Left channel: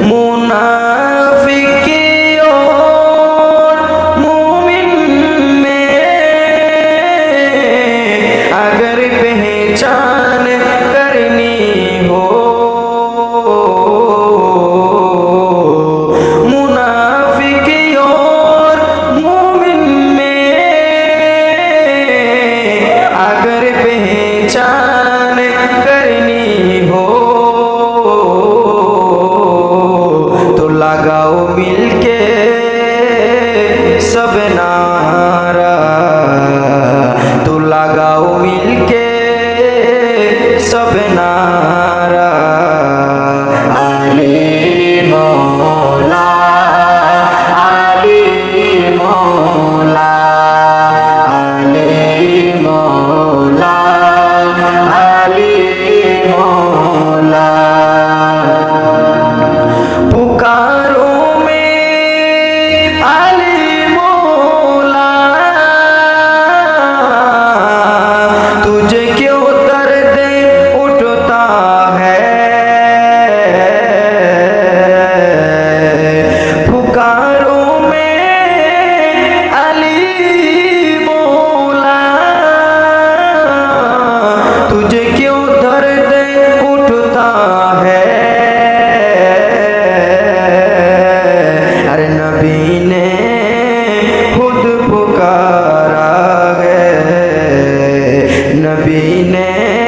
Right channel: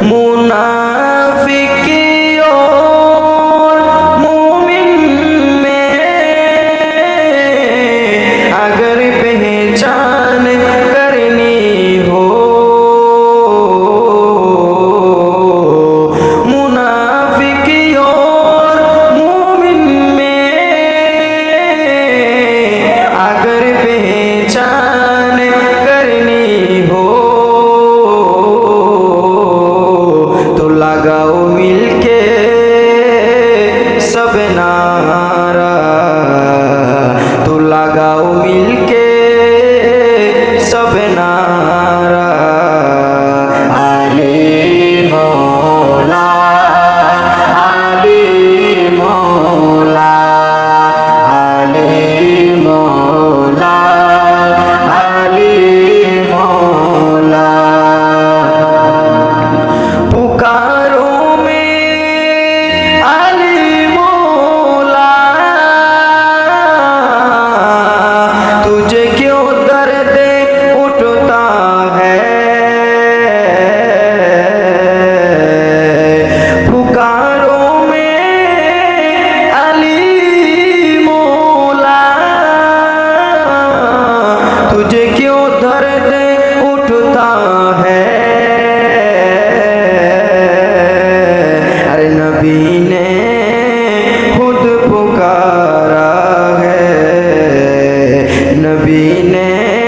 منافق اور مومن میں اگر پہچان کرنی ہو اگر پہچان کرنی ہو تو لگاؤ مل کے سب نارا تو لگاؤ مل کے سب نارا علی اٹھتا ہے۔ پکاروں میں علی مولا تجھے کیوں درد اٹھتا ہے؟ ارے نبی نے خود پکارا ہے۔ نبی نے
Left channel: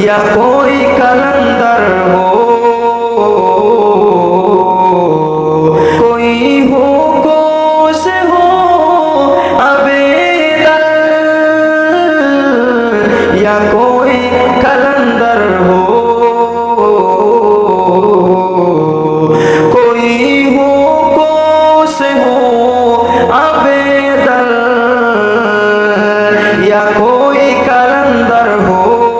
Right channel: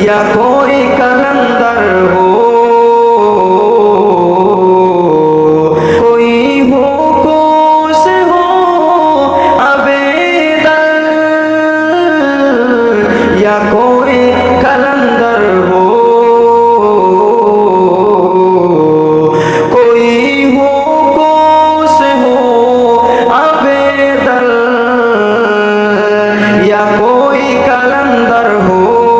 یا کوئی کلندر ہو، کوئی ہو کو سے ہو عبیدل یا کوئی کلندر ہو، کوئی ہو کو سے ہو عبیدل یا کوئی کلندر ہو۔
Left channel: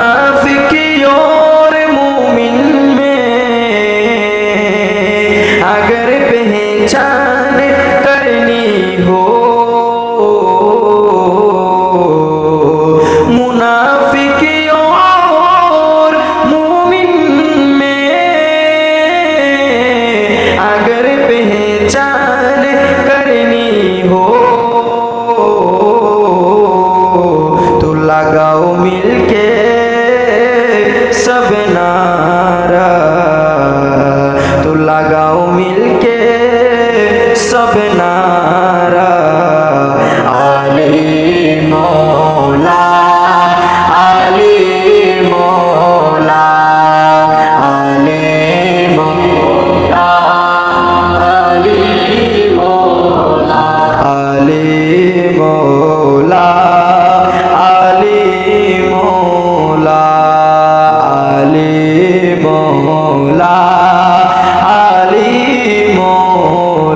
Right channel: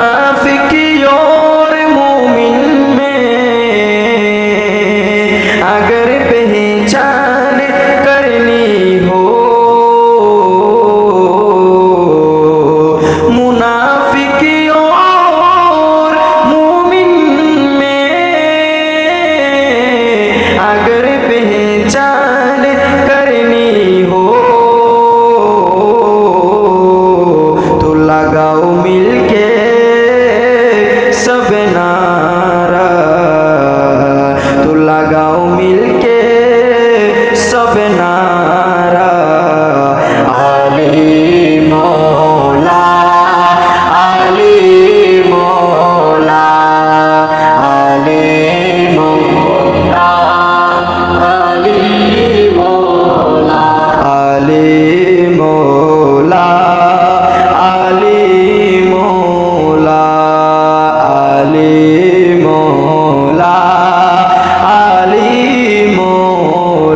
منافقی اور مومن میں اگر پہچان کرنی ہو منافقی اور مومن میں اگر پہچان کرنی ہو لگاؤ مل کے سب نارا تو لگاؤ مل کے سب نارا علی مولا علی مولا علی مولا علی مولا، علی মোর